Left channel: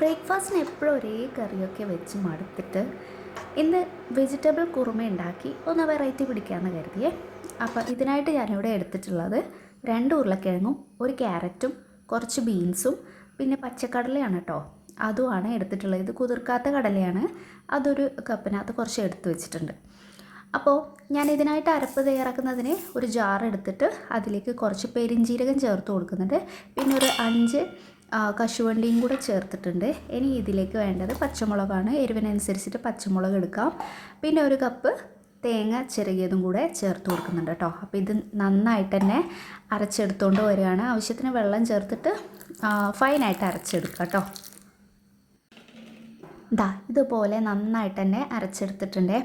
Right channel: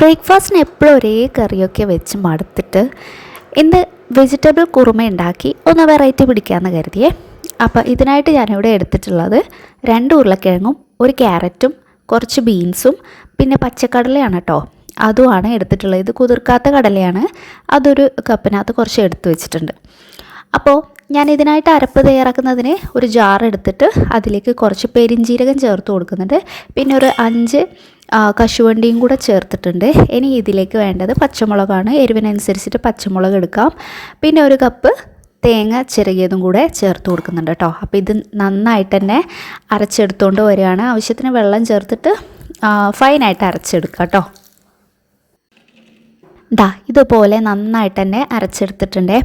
ബ്രേക്ക്ഫാസ്റ്റിന് എപ്പോഴും ഒരേ കറിയൊക്കെ വെച്ച് മടുത്തിട്ട് ഇന്ന് വെജിറ്റബിൾ കുറുമ ഉണ്ടാക്കി ഒന്ന് വെറൈറ്റി പിടിക്കാമെന്ന് കരുതിയേ. അപ്പോൾ ഇതിനായിട്ട് ഞാനിവിടെ എടുത്തിട്ടുള്ളത് രണ്ട് ഉരുളക്കിഴങ്ങും ഒരു ക്യാരറ്റും കുറച്ച് ബീൻസും പിന്നെ പച്ചക്കടലയാണ് കേട്ടോ. അതുമാണ് എടുത്തിട്ടുള്ളത്. ഇത് കുതിർക്കാത്ത കടലയാണ്. അതൊരു കപ്പിനകത്ത് കുറച്ച് എടുത്ത് വെച്ചിട്ടുണ്ട്. അപ്പോൾ ഞാൻ ഇതിനായിട്ട് അരപ്പ് തയ്യാറാക്കുന്നതിന് ഒരു ജാർ എടുത്തിട്ട് അതിലേക്ക് കുറച്ച് പെരിഞ്ജീരകം ചേർത്ത് കൊടുക്കുന്നുണ്ട്. പിന്നെ ഒരു അഞ്ച് കശുവണ്ടിയും കൂടെ ചേർത്തിട്ടുണ്ട്. ഇനി ഇതിലേക്ക് വേണ്ടത് പച്ചമുളകാണ്. എരിവിനനുസരിച്ചിട്ട് പച്ചമുളക് എടുക്കാം. പിന്നെ ഒരു കപ്പ് തേങ്ങ ചിരകിയതും കൂടെ ചേർത്ത് കൊടുക്കുന്നുണ്ട് കേട്ടോ. അപ്പോൾ ഇത് നന്നായിട്ട് തന്നെ അരച്ചെടുത്തുകൊണ്ട് വരികയാണ്. ആവശ്യത്തിന് വെള്ളം ചേർത്തിട്ട് ഫൈനായിട്ട് അരച്ചെടുക്കാം കേട്ടോ. ദാ ഇതുപോലെ നന്നായിട്ട് തന്നെ അരച്ചെടുത്തിട്ടുണ്ട്.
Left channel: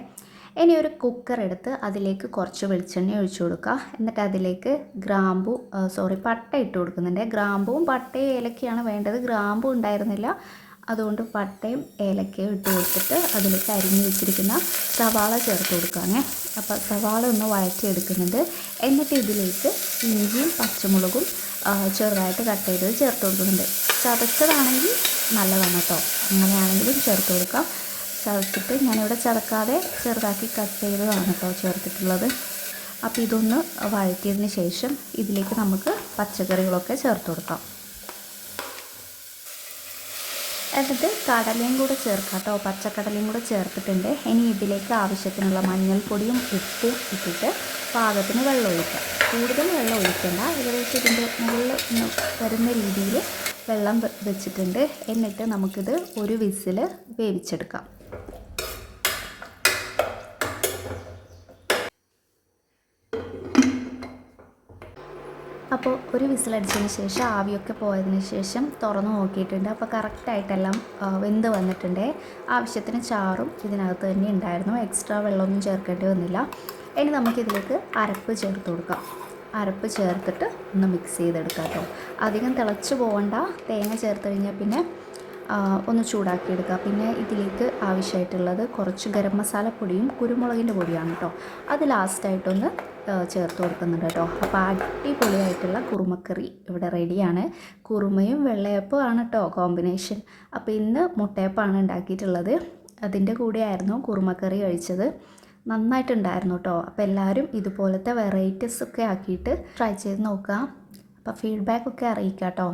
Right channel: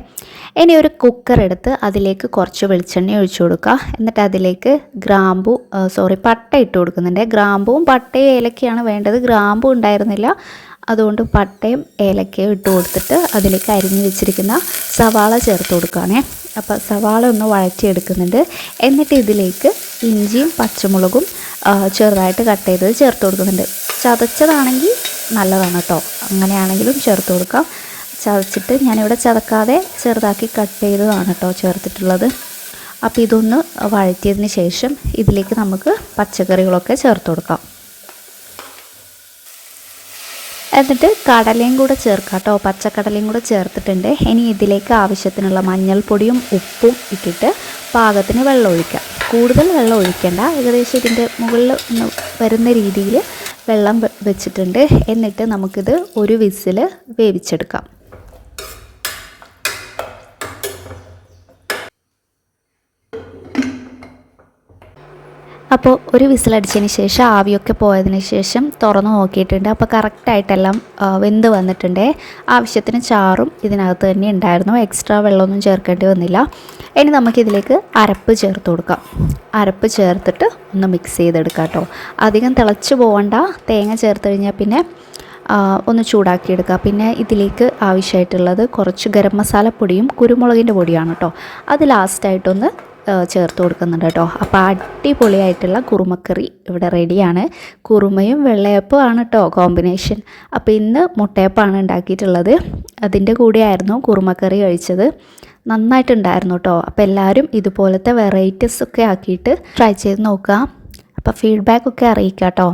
ഇനി ഒരു കുക്കർ എടുത്ത് അതിലേക്ക് കുറച്ച് വെളിച്ചെണ്ണ ഒഴിച്ചു കൊടുക്കുക എന്നിട്ട് അതിലേക്ക് ഗ്രാമ്പു സോറി പട്ട ഇട്ട് കൊടുക്കുന്നുണ്ട്. ഗ്രാമ്പുവും പട്ടയും ഏലക്കയാണ് വേണ്ടത്. ഗ്രാമ്പു ഉണ്ടായിരുന്നില്ല. അതുകൊണ്ട് പട്ടയും ഏലക്കയും ഇട്ട് കൊടുത്തിട്ട് അതിലേക്ക് അരിഞ്ഞ് വെച്ചിരിക്കുന്ന സവാള ചേർത്ത് കൊടുക്കുകയാണേ അപ്പോൾ സവാള ഒന്ന് വഴറ്റിയെടുക്കുന്നുണ്ട്. എന്നിട്ട് ഇതിലേക്ക് ഇഞ്ചിയും പച്ചമുളകും ചെറുതായിട്ട് കട്ട് ചെയ്തത് ചേർത്ത് കൊടുക്കുന്നുണ്ട്. ചതച്ചതാണെങ്കിൽ നല്ലതാണ് കേട്ടോ അങ്ങനെയാണെങ്കിലും ചേർത്ത് കൊടുക്കാം. ചതച്ചിട്ട് ഞാനിവിടെ ചതക്കാതെ ചെറുതാക്കി കട്ട് ചെയ്തതാണ് കേട്ടോ ചേർത്തിട്ടുള്ളത്. അപ്പോൾ ഇതൊന്ന് വഴറ്റിയതിന് ശേഷം ഇതിലേക്ക് നമുക്ക് പച്ചക്കറികളൊക്കെ ചേർത്ത് കൊടുക്കാം. എന്നിട്ട് കടലയും കൂടെ ചേർക്കാം കേട്ടോ. പച്ചക്കടലയും കൂടെ ചേർത്തിട്ടുണ്ട്. ഇനി ഇതിലേക്ക് ആവശ്യത്തിനുള്ള മഞ്ഞൾപ്പൊടിയും ഉപ്പും ഇട്ടിട്ട് പാകത്തിന് വെള്ളം ഒഴിക്കാം. കൂടുതൽ വെള്ളം ഒഴിക്കേണ്ട. ഏകദേശം ഇതിന്റെ മുകളിൽ വരുന്ന രീതിയിൽ വെള്ളം വെച്ചിട്ടുണ്ട്. എന്നിട്ട് നമുക്കിത് ഒരു വിസിൽ വേവിച്ചെടുക്കാം. അപ്പോൾ ഒരു വിസിലടിച്ചതിന് ശേഷം ആവിയൊക്കെ പോയതിന് ശേഷം തുറന്ന് നോക്കിയിട്ടുണ്ട്. അപ്പോൾ കറക്റ്റായിട്ടെല്ലാം വെന്ത് വന്നിട്ടുണ്ട്. ആവശ്യത്തിന് ചാറും ഇതിനകത്ത് തന്നെ ഉണ്ടായിരുന്നു. എക്സ്ട്രാ വെള്ളമൊന്നും ചേർക്കേണ്ടി വന്നില്ല. ഇനി നമുക്കിതിലേക്ക് അരപ്പ് ചേർത്ത് കൊടുക്കാം. അരപ്പ് ചേർത്തിട്ട് ഒന്ന് മിക്സ് ചെയ്തെടുക്കാം കേട്ടോ. അധികം തിളച്ച് പോകണ്ട തേങ്ങ ചേർത്ത് കഴിഞ്ഞാൽ പിന്നെ ഒന്ന് ചൂടാക്കിയെടുക്കുക. പിന്നെ ഇതിലേക്ക് ആവശ്യമായിട്ടുള്ളത് കുറച്ച് ഗരം മസാല പൊടിയും കുരുമുളകിന്റെ പൊടിയാണ് കേട്ടോ. അത് ലാസ്റ്റായിട്ടൊന്ന് ചേർത്ത് കൊടുക്കുന്നുണ്ട് കേട്ടോ. അപ്പോൾ അടിപൊളിയായിട്ടുള്ള കുറുമക്കറി ഇവിടെ റെഡിയാണ്. കുറുമയും വെള്ളയപ്പവും ആണ് കേട്ടോ കോമ്പിനേഷൻ. അപ്പോൾ ഇന്ന് മുട്ടയപ്പമാണ് ഉണ്ടാക്കിയിട്ടുള്ളത്. അതിന്റെ കൂടെയായിരുന്നു കുറുമക്കറി കഴിച്ചത്. നന്നായിട്ടുണ്ടായിരുന്നു കേട്ടോ. അപ്പോൾ എല്ലാവരും ഇതുപോലത്തെ വെറൈറ്റീസ് ഒക്കെ ആക്കിയിട്ട് ട്രൈ ചെയ്ത് നോക്കുക. അപ്പോൾ ഫീഡ്ബാക്ക് ഒക്കെ അറിയിക്കാം കേട്ടോ.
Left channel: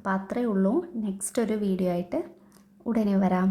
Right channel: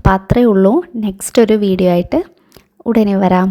അപ്പോൾ അത്രയേ ഉള്ളൂ. നെക്സ്റ്റ് ഒരു വീഡിയോ ആയിട്ട് ഉടനെ വരാം.